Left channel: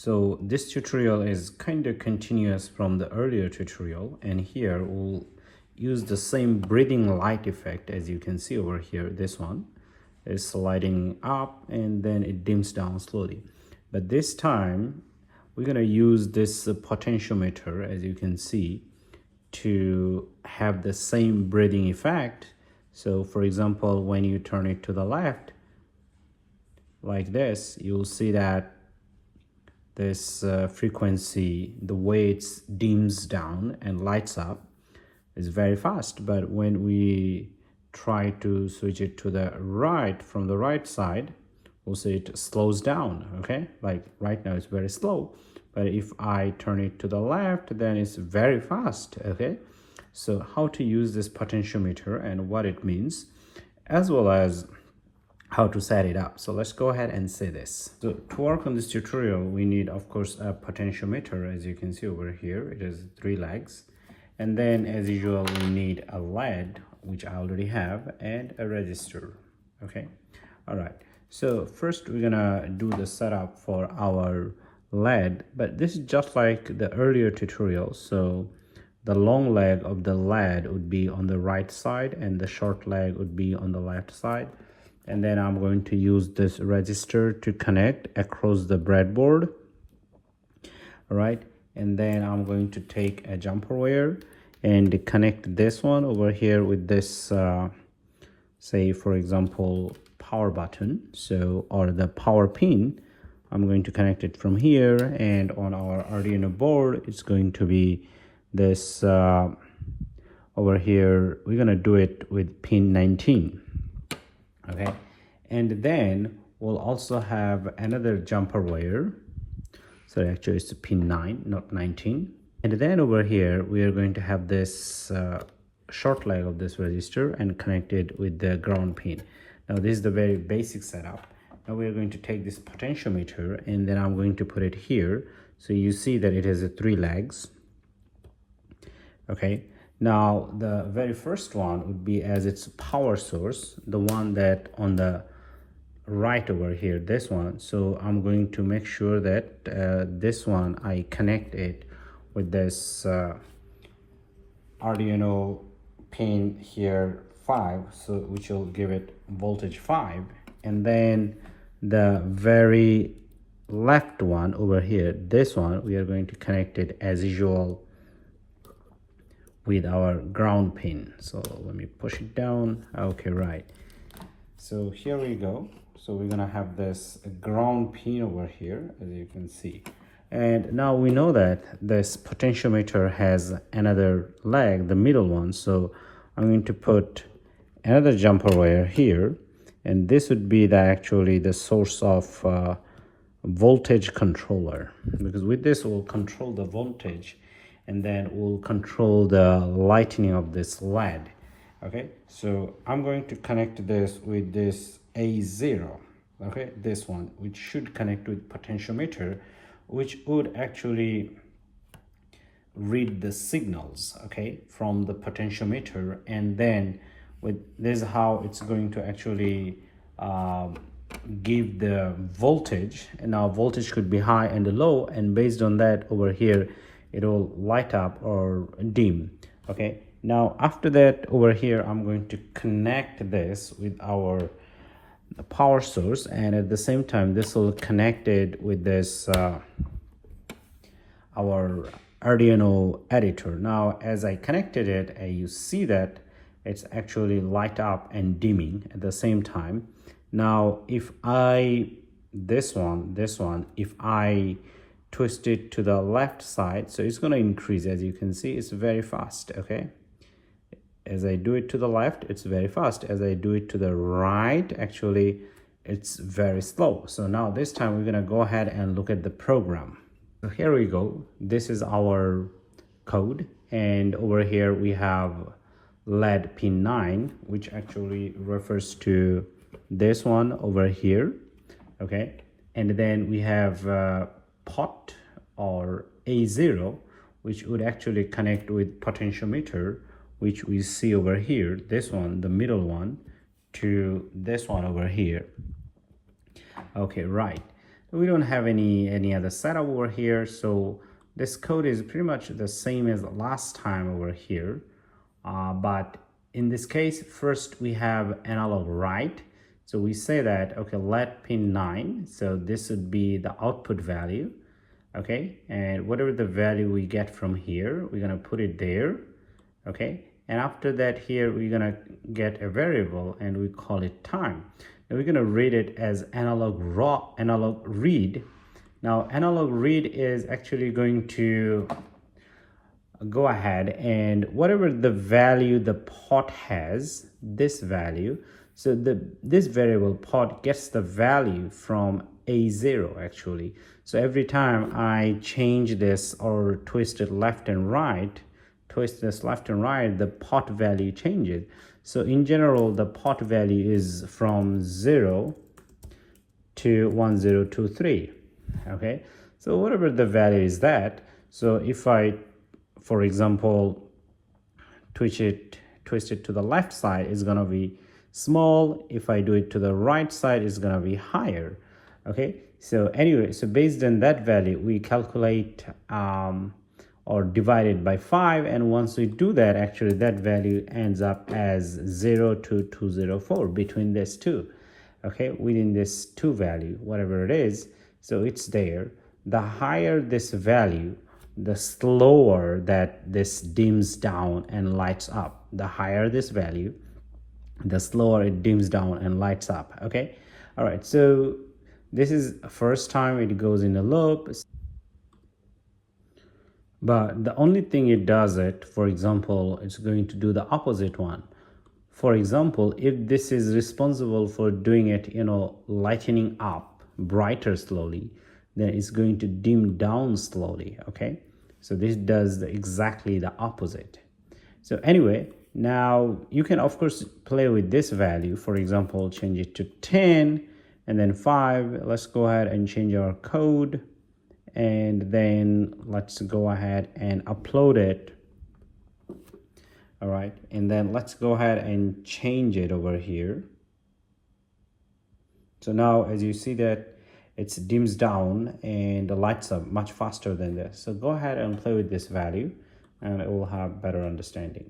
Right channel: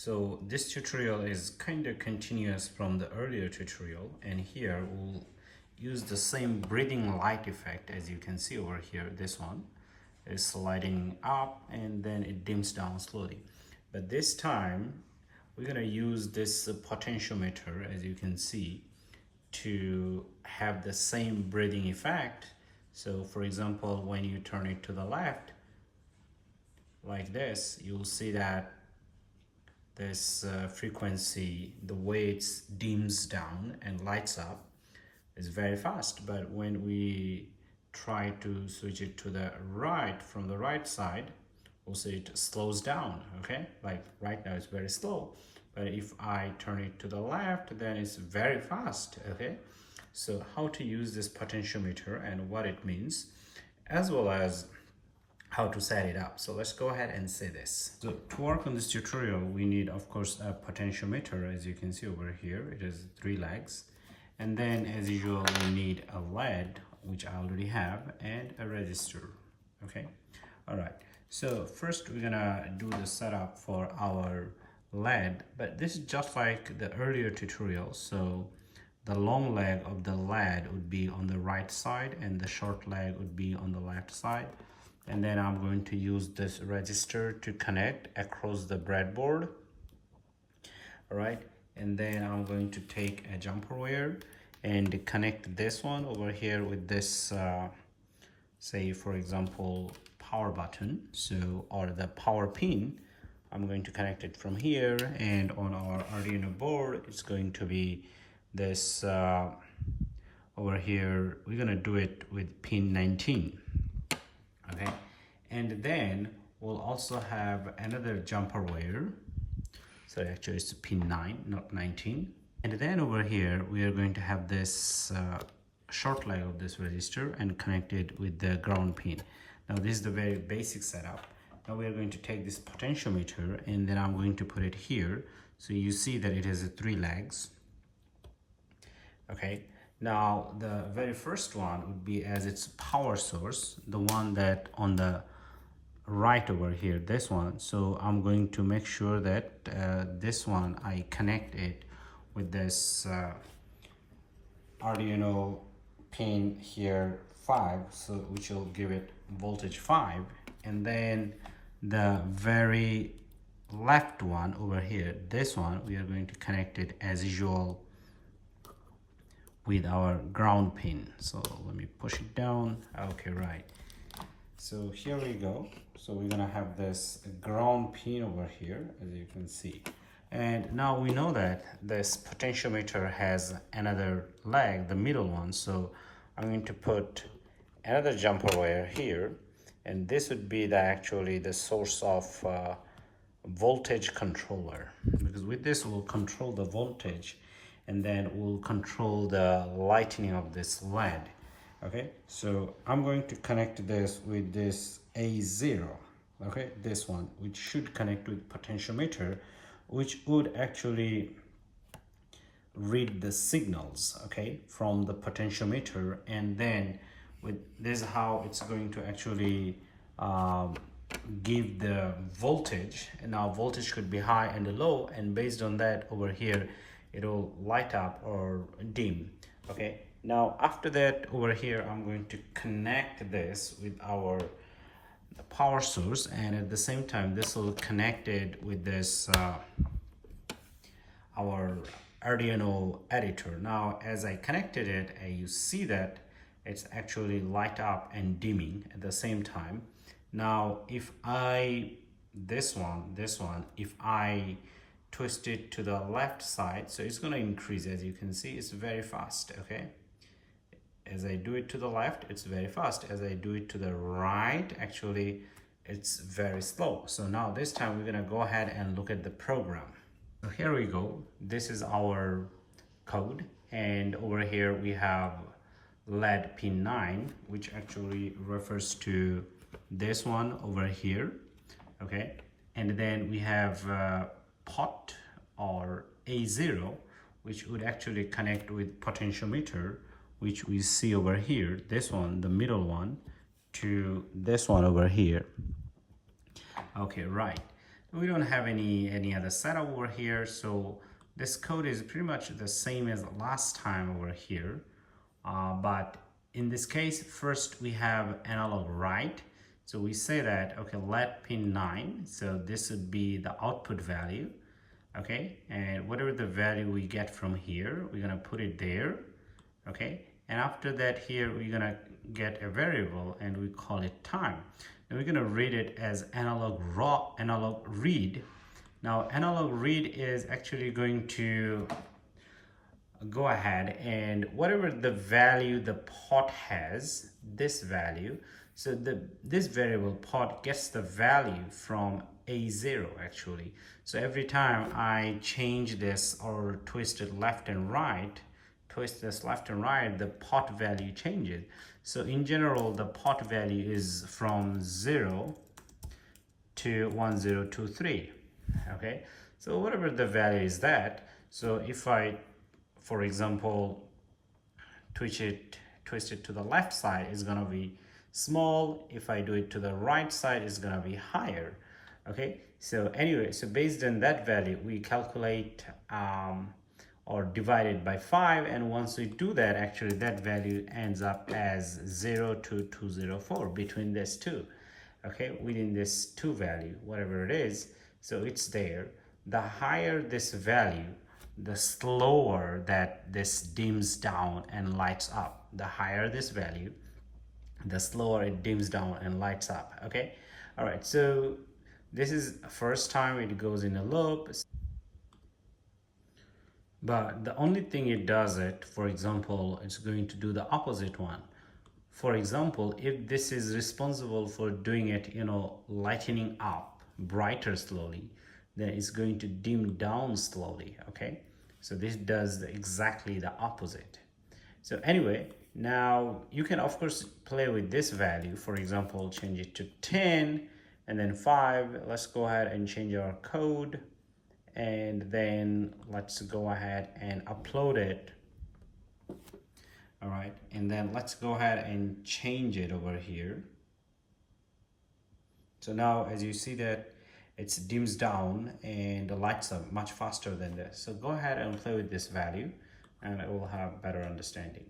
So this tutorial is kind of continuous from the earlier tutorial, and here we'll use the same breathing light effect. As you can see over here, this one is sliding up and then it dims down slowly. But this time we're going to use this potentiometer, as you can see, to have the same breathing effect. So for example, when you turn it to the left like this, you'll see that this frequency, the way it dims down and lights up, is very fast. But when we try to switch it to the right, from the right side, we'll see it slows down. Okay, like right now it's very slow, but if I turn it to the left, then it's very fast. Okay, so how to use this potentiometer and what it means, as well as how to set it up. So let's go ahead and say this. So to work on this tutorial, we need, of course, a potentiometer. As you can see over here, it has 3 legs. And then as usual, we need a LED, which I already have, and a resistor. Okay, all right. So first we're gonna do the setup for our LED, but this is just like the earlier tutorial. So the long leg of the LED would be on the right side and the short leg would be on the left side. And then I'm going to use this resistor to connect across the breadboard. All right, and then I'm going to take a jumper wire and connect this one over here with this say for example power button, so, or the power pin. I'm going to connect it from here, and on our Arduino board it's going to be this over here. We're gonna do it with pin 19. Okay, and then we'll also have another jumper wire. So actually it's pin 9, not 19. And then over here we are going to have this short leg of this resistor and connect it with the ground pin. Now this is the very basic setup. Now we are going to take this potentiometer and then I'm going to put it here. So you see that it has 3 legs. Okay, now the very first one would be as its power source, the one that on the right over here, this one. So I'm going to make sure that this one I connect it with this Arduino pin here 5, so which will give it voltage 5. And then the very left one over here, this one, we are going to connect it as usual with our ground pin. So let me push it down. Okay, right. So here we go. So we're gonna have this ground pin over here, as you can see. And now we know that this potentiometer has another leg, the middle one. So I'm going to put another jumper wire here, and this would be actually the source of voltage controller, because with this we'll control the voltage and then we'll control the lighting of this LED. Okay, so I'm going to connect this with this A0. Okay, this one, which should connect with potentiometer, which would actually read the signals, okay, from the potentiometer. And then with this is how it's going to actually give the voltage. And now voltage could be high and low, and based on that over here it will light up or dim. Okay, now after that over here I'm going to connect this with our power source, and at the same time this will connect it with this our Arduino editor. Now as I connected it, you see that it's actually light up and dimming at the same time. Now if I this one if I twist it to the left side, so it's going to increase. As you can see, it's very fast. Okay, as I do it to the left, it's very fast. As I do it to the right, actually it's very slow. So now this time we're going to go ahead and look at the program. So here we go. This is our code, and over here we have LED pin 9, which actually refers to this one over here. Okay, and then we have pot or A0, which would actually connect with potentiometer, which we see over here, this one, the middle one, to this one over here. Okay, right. We don't have any other setup over here, so this code is pretty much the same as last time over here. But in this case, first we have analog write. So we say that, okay, let pin 9, so this would be the output value, okay, and whatever the value we get from here, we're gonna put it there, okay, and after that here we're gonna get a variable and we call it time. Now we're gonna read it as analog read. Now analog read is actually going to go ahead and whatever the value the pot has, this value, so this variable pot gets the value from A0 actually. So every time I change this or twist it left and right, the pot value changes. So in general, the pot value is from 0 to 1023, okay? So whatever the value is that, so if I, for example, twist it to the left side, it's gonna be small. If I do it to the right side, it's gonna be higher, okay? So anyway, so based on that value, we calculate or divide it by 5, and once we do that, actually that value ends up as 0 to 204, between these two, okay, within this 2 value, whatever it is, so it's there. The higher this value, the slower that this dims down and lights up. The higher this value, the slower it dims down and lights up, okay? All right, so this is first time it goes in a loop. But the only thing it does it, for example, it's going to do the opposite one. For example, if this is responsible for doing it, you know, lightening up brighter slowly, then it's going to dim down slowly, okay? So this does exactly the opposite. So anyway, now you can of course play with this value. For example, change it to 10 and then 5. Let's go ahead and change our code. And then let's go ahead and upload it. All right, and then let's go ahead and change it over here. So now as you see that it dims down and lights up much faster than this. So go ahead and play with this value and it will have better understanding.